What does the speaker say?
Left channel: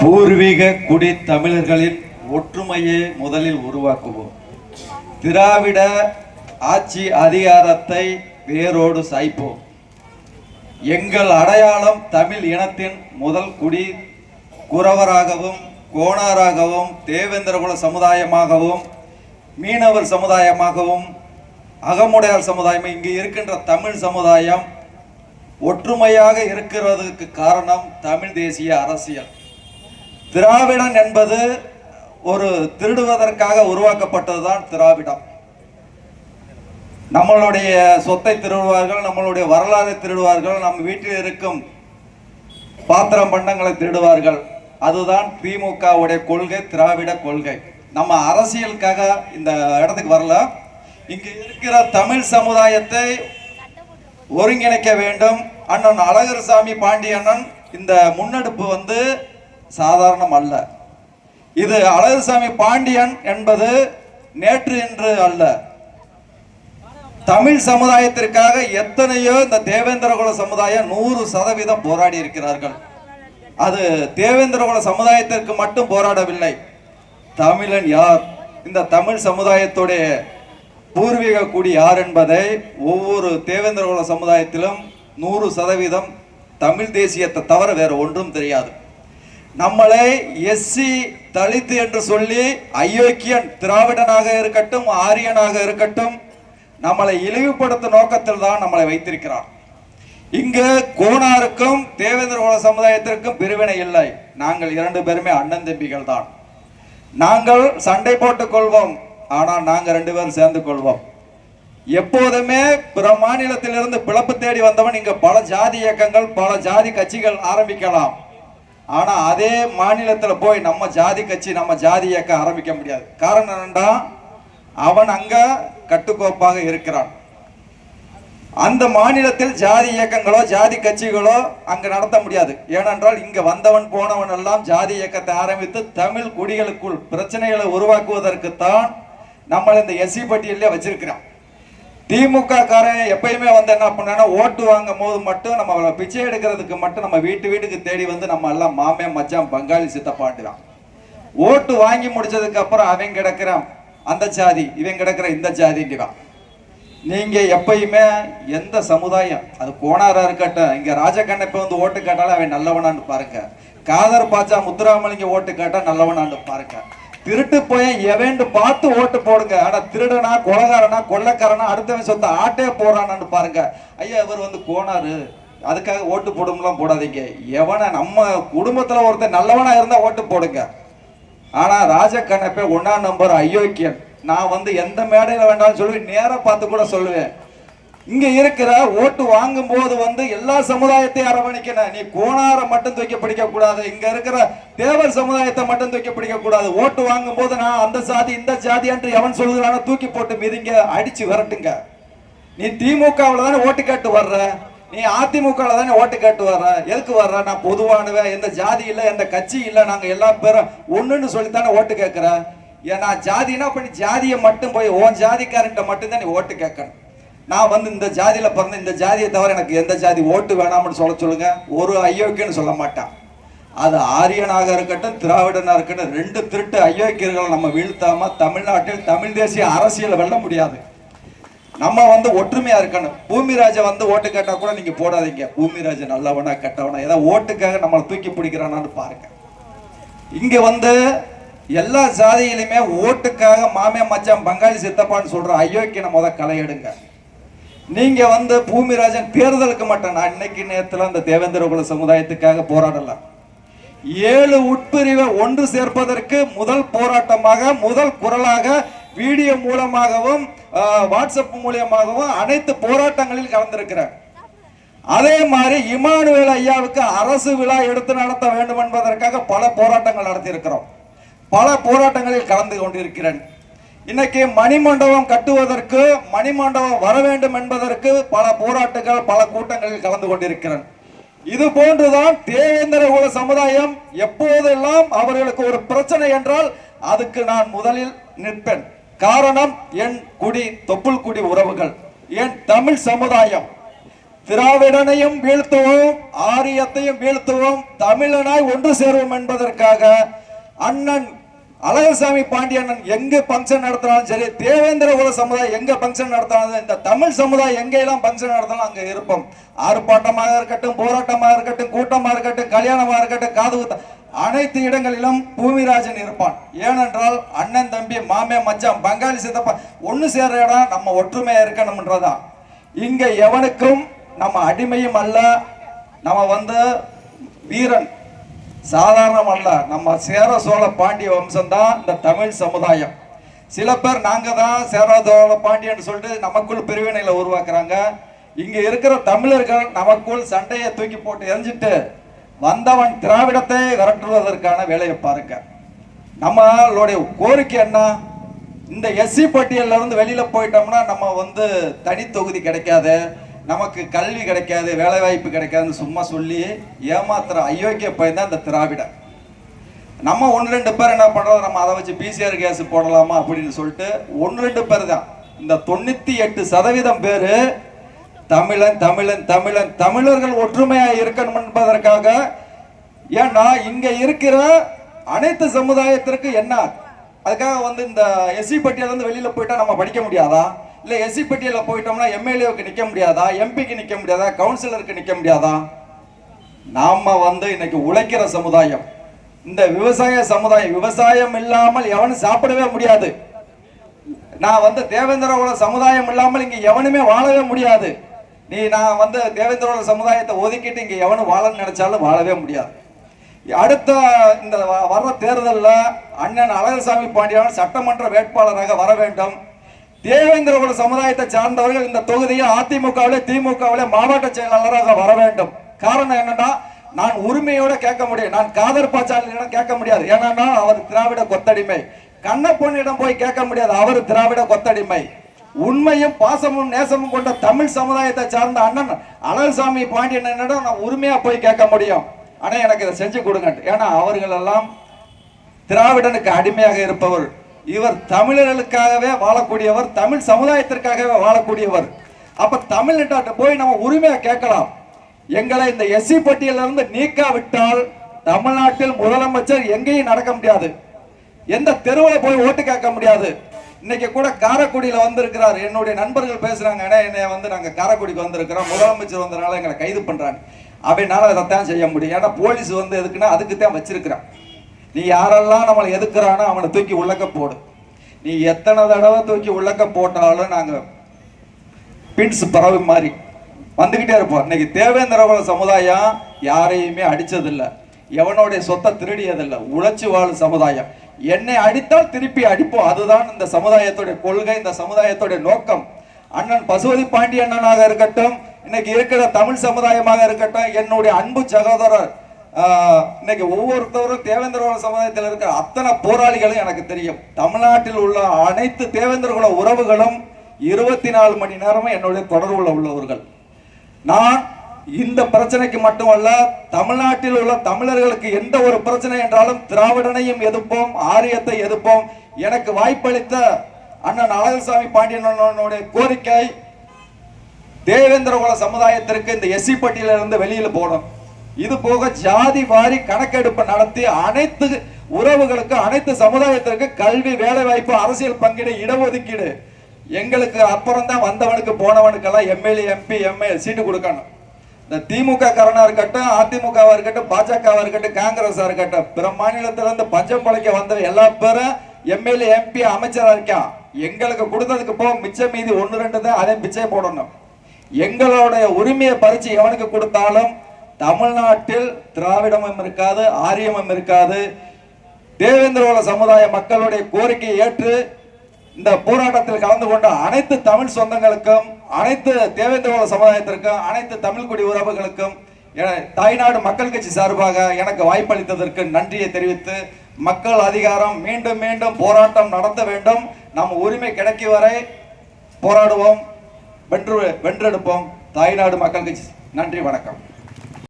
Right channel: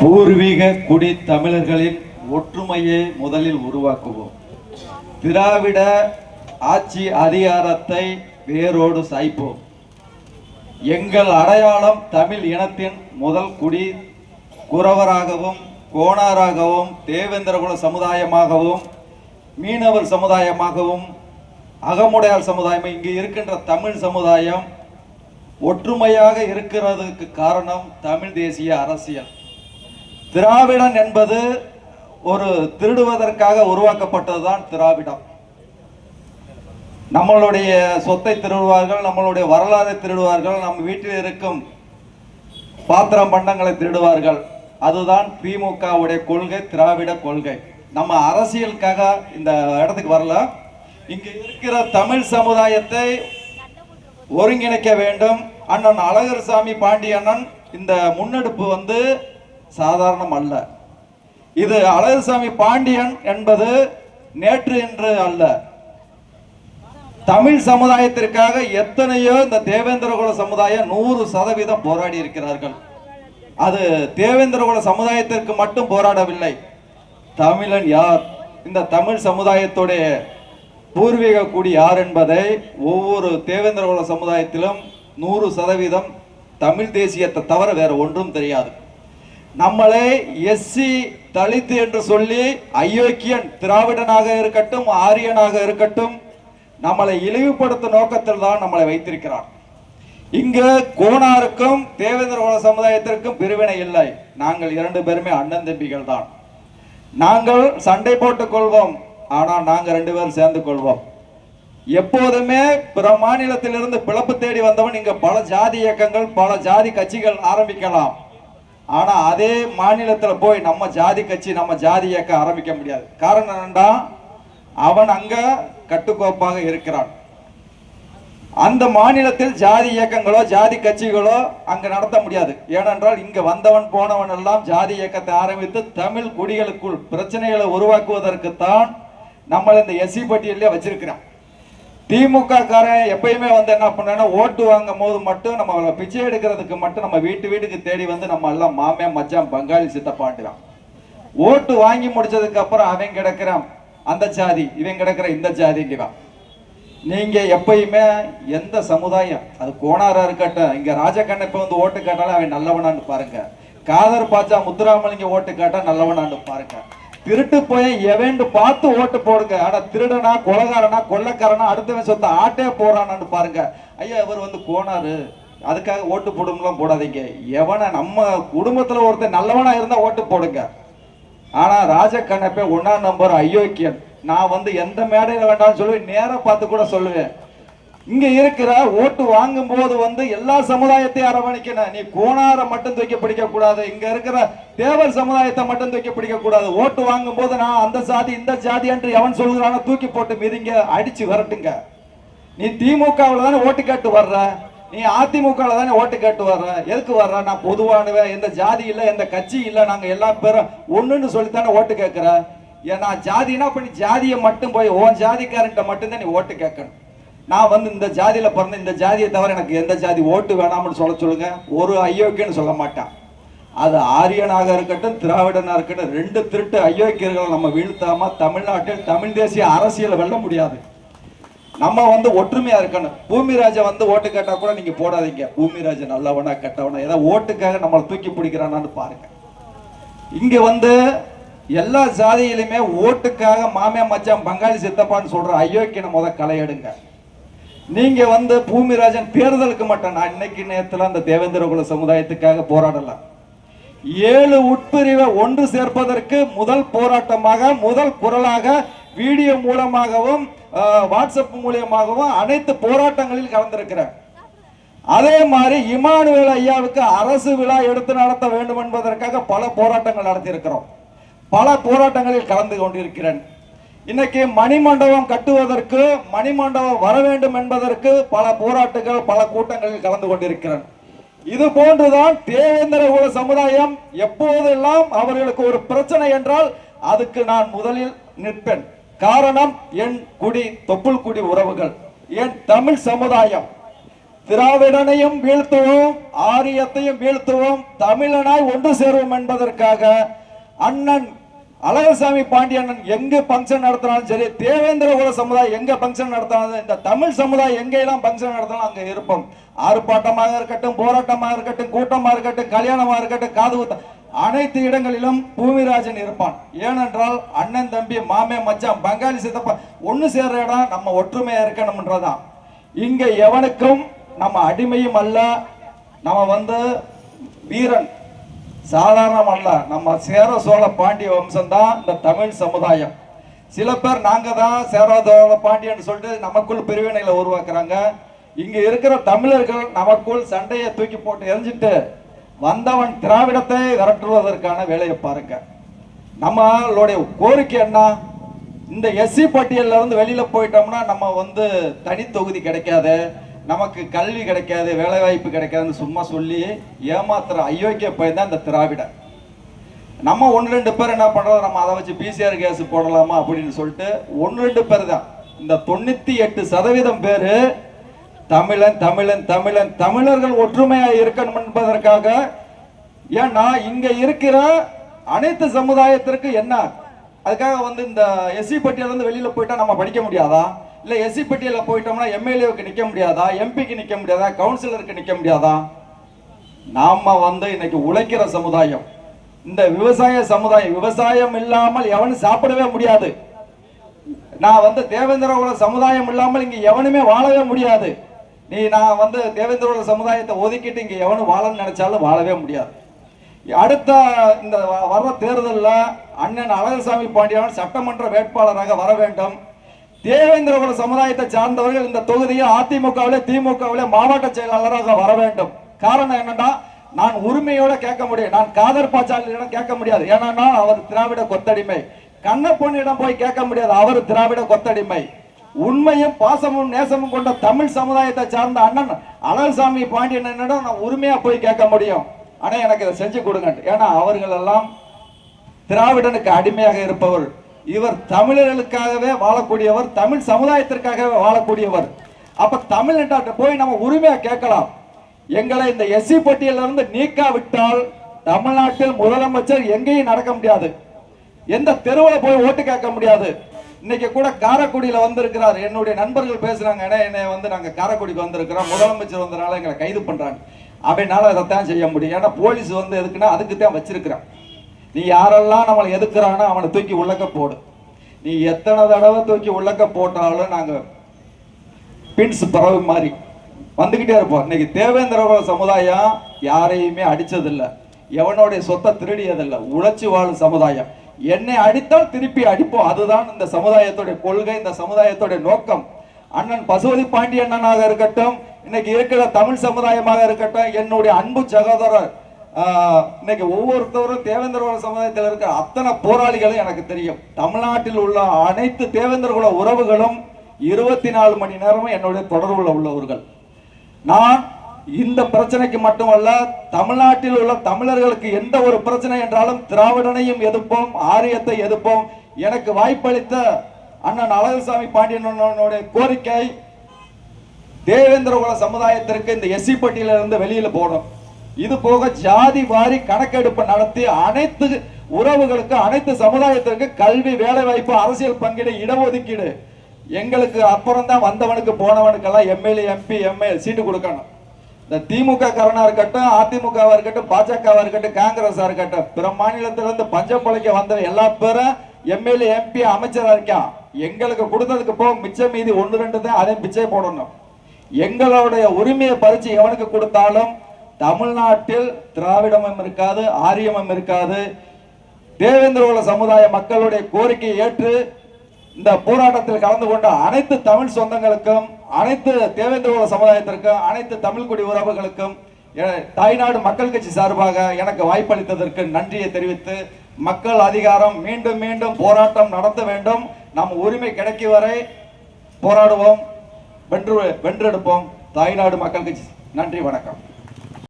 பூர்வீக குடி தமிழர்களின் ஒற்றுமையை முதலில் உருவாக்குவோம். திராவிட ஆட்சி அதிகாரத்தை வேரோடு சாய்ப்போம். எங்கள் அடையாளம் தமிழ் இனத்தின் முதல் குடி குறவராகவும், கோணாராகவும், தேவேந்திரகுல சமுதாயமாகவும், மீனவர் சமுதாயமாகவும், அகமுடையார் சமுதாயம், இங்கு இருக்கின்ற தமிழ் சமுதாயம் ஒற்றுமையாக இருக்கிறதுக்கு காரணம் தமிழ் தேசிய அரசியல். திராவிடன் என்பது ஒரு திருடுவதற்காக உருவாக்கப்பட்டதுதான் திராவிடம். நம்மளுடைய சொத்தை திருடுவார்கள், நம்மளுடைய வரலாறை திருடுவார்கள், நம் வீட்டில் இருக்கும் பாத்திரம் பண்டங்களை திருடுவார்கள். அதுதான் திமுகவுடைய கொள்கை, திராவிட கொள்கை. நம்ம அரசியலுக்காக இந்த இடத்துக்கு வரல. இங்கு இருக்கிற தமிழ் சமுதாயத்தை ஒருங்கிணைக்க வேண்டும். அண்ணன் அழகர்சாமி பாண்டியண்ணன் இந்த முன்னெடுப்பு சாதாரணம் அல்ல. இது அழகர்சாமி பாண்டியன் என்பது நேற்று என்று அல்ல. தமிழ் சமுதாயத்திற்காக எத்தனையோ இந்த தேவேந்திரகுல சமுதாயம் 100% போராடி இருக்கிறார்கள். அது தேவேந்திரகுல சமுதாயத்திற்கு மட்டும் போராடவில்லை. தமிழன் யார், இந்த தமிழ் சமுதாயத்துடைய பூர்வீக குடி யார் என்பதை ஒவ்வொரு தேவேந்திரகுல சமுதாயத்திலும் 100% தமிழ் தேசியத்தை தவிர வேற ஒன்றும் தெரியாது. நம்மளை எஸ்சி தலித்து என்று சொல்லி அயோக்கியன், திராவிடனாக இருக்கட்டும், ஆரியனாக இருக்கட்டும், நம்மளை இழிவுபடுத்தும் நோக்கத்தில் தான் நம்மளை வைத்திருக்கிறார். இங்கு கோணாருக்கும் தேவேந்திரகுல சமுதாயத்திற்கும் பிரிவினை இல்லை. நாங்கள் 2 பேருமே அண்ணன் தம்பிகள் தான். நாங்கள் சண்டை போட்டுக் கொள்வோம், ஆனால் நாங்கள் 2 பேரும் சேர்ந்து கொள்வோம். எப்போதுமே பிற மாநிலத்திலிருந்து பிளப்பு தேடி வந்தவன் இங்க பல ஜாதி இயக்கங்கள், பல ஜாதி கட்சிகள் ஆரம்பிக்கலாம். ஆனா அதே மாநிலத்தில் போய் நம்ம ஜாதி கட்சி, நம்ம ஜாதி இயக்கம் ஆரம்பிக்க முடியாது. காரணம் என்னன்னா, அவன் அங்க கட்டுக்கோப்பாக இருக்கிறான். அந்த மாநிலத்தில் ஜாதி இயக்கங்களோ ஜாதி கட்சிகளோ அங்க நடத்த முடியாது. ஏனென்றால் இங்க வந்தவன் போனவன் எல்லாம் ஜாதி இயக்கத்தை ஆரம்பித்து தமிழ் குடிகளுக்குள் பிரச்சனைகளை உருவாக்குவதற்குத்தான் நம்மளை இந்த எஸ்சி பட்டியலே வச்சிருக்கிறான். திமுக காரன் எப்பயுமே என்ன பண்ணா, ஓட்டு வாங்கும் போது மட்டும் நம்ம பிச்சை எடுக்கிறதுக்கு மட்டும் நம்ம வீட்டுக்கு தேடி நம்ம எல்லாம் மாமே மச்சான் பங்காளி சித்தப்பாண்டுறான். ஓட்டு வாங்கி முடிச்சதுக்கு அப்புறம் அவன் கிடக்கிறான் அந்த ஜாதி, இவன் கிடக்கிற இந்த ஜாதிங்கிறான். நீங்க எப்பயுமே எந்த சமுதாயம், அது கோணாரா இருக்கட்டும், இங்க ராஜகண்ணப்ப ஓட்டு கேட்டாலும் அவன் நல்லவனான்னு பாருங்க. காதர் பாச்சா முத்துராமலிங்க ஓட்டு கேட்டா நல்லவனான்னு பாருங்க. திருட்டு போய் எவன் பார்த்து ஓட்டு போடுங்க. ஆனா திருடனா, கொலகாரனா, கொள்ளக்காரனா, அடுத்தவன் சொத்த ஆட்டே போறானான்னு பாருங்க. ஐயா இவர் கோணாரு, அதுக்காக ஓட்டு போடும்லாம் போடாதீங்க. எவனை நம்ம குடும்பத்துல ஒருத்தர் நல்லவனா இருந்தா ஓட்டு போடுங்க. ஆனா ராஜகண்ணப்ப 1ஆம் நம்பர் அயோக்கியன். நான் எந்த மேடையில வேண்டாம்னு சொல்லுவேன், நேர பார்த்து கூட சொல்லுவேன். இங்க இருக்கிற ஓட்டு வாங்கும் போது எல்லா சமுதாயத்தையும் அரவணைக்கணும். நீ கோணாரை மட்டும் தூக்கி பிடிக்க கூடாது, இங்க இருக்கிற தேவர் சமுதாயத்தை மட்டும் தூக்கி பிடிக்க கூடாது. ஓட்டு வாங்கும் போது நான் அந்த ஜாதி இந்த ஜாதி என்று எவன் சொல்லுறான தூக்கி போட்டு மிதிங்க, அடிச்சு வரட்டுங்க. நீ திமுகவில் தானே ஓட்டு கேட்டு வர்ற, நீ அதிமுகவில் தானே ஓட்டு கேட்டு வர்ற. எதுக்கு வர்ற? நான் பொதுவானவன், எந்த ஜாதி இல்லை, எந்த கட்சி இல்லை, நாங்க எல்லா பேரும் ஒண்ணுன்னு சொல்லித்தானே ஓட்டு கேட்கிற. ஏன்னா ஜாதினா பண்ணி ஜாதியை மட்டும் போய் உன் ஜாதிக்காரன்ட்ட மட்டும்தான் நீ ஓட்டு கேட்கணும். நான் இந்த ஜாதியில பிறந்த, இந்த ஜாதியை தவிர எனக்கு எந்த ஜாதி ஓட்டு வேணாம்னு சொல்லுங்க, ஒரு அயோக்கியன்னு சொல்ல மாட்டான். அது ஆரியனாக இருக்கட்டும், திராவிடனா இருக்கட்டும், 2 திருட்டு அயோக்கியர்களை நம்ம வீழ்த்தாம தமிழ்நாட்டில் தமிழ் தேசிய அரசியலை வெல்ல முடியாது. நம்ம ஒற்றுமையா இருக்கணும். பூமிராஜை ஓட்டு கேட்டா கூட நீங்க போடாதீங்க. பூமிராஜை நல்லவனா கெட்டவனா, ஏதாவது ஓட்டுக்காக நம்மளை தூக்கி பிடிக்கிறானான்னு பாருங்க. இங்க எல்லா ஜாதியிலுமே ஓட்டுக்காக மாமே மச்சான் பங்காளி சித்தப்பான்னு சொல்ற அயோக்கியனை களை எடுங்க. நீங்க பூமிராஜன் தேர்தலுக்கு மட்டும், நான் இன்னைக்கு நேரத்தில் அந்த தேவேந்திரகுல சமுதாயத்துக்காக போராடல. 7 உட்பிரிவை ஒன்று சேர்ப்பதற்கு முதல் போராட்டமாக, முதல் குரலாக வீடியோ மூலமாகவும் வாட்ஸ்அப் மூலமாகவும் அனைத்து போராட்டங்களில் கலந்திருக்கிறார். அதே மாதிரி இமானுவேல் ஐயாவுக்கு அரசு விழா எடுத்து நடத்த வேண்டும் என்பதற்காக பல போராட்டங்கள் நடத்தி இருக்கிறோம். பல போராட்டங்களில் கலந்து கொண்டிருக்கிறேன். இன்னைக்கு மணிமண்டபம் கட்டுவதற்கு, மணிமண்டபம் வர வேண்டும் என்பதற்கு பல போராட்டங்கள், பல கூட்டங்களில் கலந்து கொண்டிருக்கிறேன். இது போன்றுதான் தேவேந்திரகுல சமுதாயம் எப்போதெல்லாம் அவர்களுக்கு ஒரு பிரச்சனை என்றால் அதுக்கு நான் முதலில் நிற்பேன். காரணம் என் குடி, தொப்புள் குடி உறவுகள், என் தமிழ் சமுதாயம். திராவிடனையும் வீழ்த்துவோம், ஆரியத்தையும் வீழ்த்துவோம், தமிழனாய் ஒன்று சேருவோம் என்பதற்காக அண்ணன் அழகசாமி பாண்டியன் எங்க பங்கன் நடத்தினாலும் சரி, தேவேந்திர குல சமுதாயம் எங்க பங்கன் நடத்தினாலும், இந்த தமிழ் சமுதாயம் எங்கெல்லாம் பங்கன் நடத்தினாலும் அங்க இருப்போம். ஆர்ப்பாட்டமாக இருக்கட்டும், போராட்டமாக இருக்கட்டும், கூட்டமாக இருக்கட்டும், கல்யாணமாக இருக்கட்டும், காது குத்த, அனைத்து இடங்களிலும் பூமிராஜன் இருப்பான். ஏனென்றால் அண்ணன் தம்பி மாமே மச்சான் பங்காளி சித்தப்பா ஒன்னு சேர்ற இடம் நம்ம ஒற்றுமையா இருக்கணும்ன்றதான். இங்க எவனுக்கும் நம்ம அடிமையும் அல்ல, நம்ம வீரன் சாதாரணம் அல்ல, நம்ம சேர சோழ பாண்டிய வம்சம் தான் இந்த தமிழ் சமுதாயம். சில பேர் நாங்க தான் சேர சோழ பாண்டியன்னு சொல்லிட்டு நமக்குள் பிரிவினைகளை உருவாக்குறாங்க. இங்க இருக்கிற தமிழர்கள் நமக்குள் சண்டையை தூக்கி போட்டு எரிஞ்சிட்டு வந்தவன் திராவிடத்தை விரட்டுவதற்கான வேலையை பாருங்க. நம்மளுடைய கோரிக்கை என்ன? இந்த எஸ்சி பட்டியல்ல இருந்து வெளியில போயிட்டோம்னா நம்ம தனி தொகுதி கிடைக்காது, நமக்கு கல்வி கிடைக்காது, வேலை வாய்ப்பு கிடைக்காதுன்னு சும்மா சொல்லி ஏமாத்துற அயோக்கிய பையன் தான் இந்த திராவிட. நம்ம 1-2 பேர் என்ன பண்றோம், நம்ம அதை வச்சு பிசிஆர் கேஸ் போடலாமா அப்படின்னு சொல்லிட்டு 1-2 பேர் தான். இந்த 98% பேரு தமிழன் தமிழன் தமிழன் தமிழர்கள் ஒற்றுமையா இருக்கணும் என்பதற்காக. ஏன்னா இங்க இருக்கிற அனைத்து சமுதாயத்திற்கு என்ன, அதுக்காக இந்த எஸ்சி பட்டியல இருந்து வெளியில போயிட்டா நம்ம படிக்க முடியாதா? இல்ல எஸ்சி பட்டியல போயிட்டோம்னா எம்எல்ஏவுக்கு நிக்க முடியாதா, எம்பிக்கு நிக்க முடியாதா, கவுன்சிலருக்கு நிக்க முடியாதா? நாம இன்னைக்கு உழைக்கிற சமுதாயம், இந்த விவசாய சமுதாயம். விவசாயம் இல்லாமல் எவனும் சாப்பிடவே முடியாது. நான் தேவேந்திர குல சமுதாயம் இல்லாமல் இங்க எவனுமே வாழவே முடியாது. நான் தேவேந்திர குல சமுதாயத்தை ஒதுக்கிட்டு இங்க எவனும் வாழன்னு நினைச்சாலும் வாழவே முடியாது. அடுத்த இந்த வர்ற தேர்தலில் அண்ணன் அழகசாமி பாண்டியன் சட்டமன்ற வேட்பாளராக வர வேண்டும். தேவேந்திர குல சமுதாயத்தை சார்ந்தவர்கள் இந்த தொகுதியில் அதிமுகவிலே திமுகவிலே மாவட்ட செயலாளராக வர வேண்டும். காரணம் என்னன்னா, நான் உரிமையோட கேட்க முடியும், நான் காதர் பாச்சாலியிடம் கேட்க முடியாது. ஏன்னா அவர் திராவிட கொத்தடிமை. கண்ணப்பொன்னிடம் போய் கேட்க முடியாது, அவர் திராவிட கொத்தடிமை. உண்மையும் பாசமும் நேசமும் கொண்ட தமிழ் சமுதாயத்தை சார்ந்த அண்ணன் அழகசாமி பாண்டியனிடம் நான் உரிமையா போய் கேட்க முடியும். ஆனா எனக்கு இதை செஞ்சு கொடுங்க. ஏன்னா அவர்கள் எல்லாம் திராவிடனுக்கு அடிமையாக இருப்பவர். இவர் தமிழர்களுக்காகவே வாழக்கூடியவர், தமிழ் சமுதாயத்திற்காகவே வாழக்கூடியவர். அப்ப தமிழ்நாட்டை போய் நம்ம உரிமையா கேட்கலாம். எங்களை இந்த எஸ்சி பட்டியலிருந்து நீக்காவிட்டால் தமிழ்நாட்டில் முதலமைச்சர் எங்கேயும் நடக்க முடியாது, எந்த தெருவில் போய் ஓட்டு கேட்க முடியாது. இன்னைக்கு கூட காரைக்குடியில வந்திருக்கிறார், என்னுடைய நண்பர்கள் பேசுறாங்க, என்னைய நாங்க காரைக்குடிக்கு வந்திருக்கிறோம், முதலமைச்சர் வந்ததுனால எங்களை கைது பண்றாங்க. அப்படின்னால அதைத்தான் செய்ய முடியும். ஏன்னா போலீஸ் எதுக்குன்னா அதுக்கு தான் வச்சிருக்கிறான். நீ யாரெல்லாம் நம்மளை எதுக்குறானோ அவனை தூக்கி உள்ளக்க போடு. நீ எத்தனை தடவை தூக்கி உள்ளக்க போட்டாலும் நாங்க பின்ஸ் பறவை மாதிரி வந்துகிட்டே இருப்போம். இன்னைக்கு தேவேந்திர குல சமுதாயம் யாரையுமே அடிச்சதில்லை, எவனுடைய சொத்தை திருடியதில்லை, உழைச்சி வாழும் சமுதாயம். என்னை அடித்தால் திருப்பி அடிப்போம், அதுதான் இந்த சமுதாயத்துடைய கொள்கை, இந்த சமுதாயத்துடைய நோக்கம். அண்ணன் பசுபதி பாண்டிய அண்ணனாக இருக்கட்டும், இன்னைக்கு இருக்கிற தமிழ் சமுதாயமாக இருக்கட்டும், என்னுடைய அன்பு சகோதரர், இன்னைக்கு ஒவ்வொருத்தரும் தேவேந்திர குல சமுதாயத்தில் இருக்கிற அத்தனை போராளிகளும் எனக்கு தெரியும். தமிழ்நாட்டில் உள்ள அனைத்து தேவேந்திர குல உறவுகளும் 24 மணி நேரமும் என்னுடைய தொடர்புல உள்ளவர்கள். நான் இந்த பிரச்சனைக்கு மட்டுமல்ல, தமிழ்நாட்டில் உள்ள தமிழர்களுக்கு எந்த ஒரு பிரச்சனை என்றாலும் திராவிடனையும் எதிர்ப்போம், ஆரியத்தை எதிர்ப்போம். எனக்கு வாய்ப்பளித்த அண்ணன் அழகசாமி பாண்டியனுடைய கோரிக்கை, தேவேந்திர குல சமுதாயத்திற்கு இந்த எஸ்சி பட்டியலிருந்து வெளியில போடும். இது போக ஜாதி வாரி கணக்கெடுப்பு நடத்தி அனைத்து உறவுகளுக்கு, அனைத்து சமுதாயத்திற்கு கல்வி, வேலை வாய்ப்பு, அரசியல் பங்கீடு, இடஒதுக்கீடு. எங்களுக்கு அப்புறம் தான் வந்தவனுக்கு போனவனுக்கெல்லாம் எம்எல்ஏ, எம்பி, எம்எல்ஏ சீட்டு கொடுக்கணும். இந்த திமுக காரனா இருக்கட்டும், அதிமுகவா இருக்கட்டும், பாஜகவா இருக்கட்டும், காங்கிரஸா இருக்கட்டும், பிற மாநிலத்திலிருந்து பஞ்சம் பழைக்க வந்த எல்லா பேரும் எம்எல்ஏ, எம்பி, அமைச்சரா இருக்கான். எங்களுக்கு கொடுத்ததுக்கு போக மிச்சம் மீதி 1-2 தான், அதை பிச்சை போடணும். எங்களுடைய உரிமையை பறிச்சு எவனுக்கு கொடுத்தாலும் தமிழ்நாட்டில் திராவிடமும் இருக்காது, ஆரியமும் இருக்காது. தேவேந்திர குல சமுதாய மக்களுடைய கோரிக்கையை ஏற்று இந்த போராட்டத்தில் கலந்து கொண்ட அனைத்து தமிழ் சொந்தங்களுக்கும், அனைத்து தேவேந்திர குல சமுதாயத்திற்கும், அனைத்து தமிழ் குடி உறவுகளுக்கும் தாய்நாடு மக்கள் கட்சி சார்பாக எனக்கு வாய்ப்பளித்ததற்கு நன்றியை தெரிவித்து, மக்கள் அதிகாரம் மீண்டும் மீண்டும் போராட்டம் நடத்த வேண்டும். நம் உரிமை கிடைக்கும் வரை போராடுவோம், வென்றெடுப்போம். தாய்நாடு மக்கள் கட்சி. நன்றி, வணக்கம்.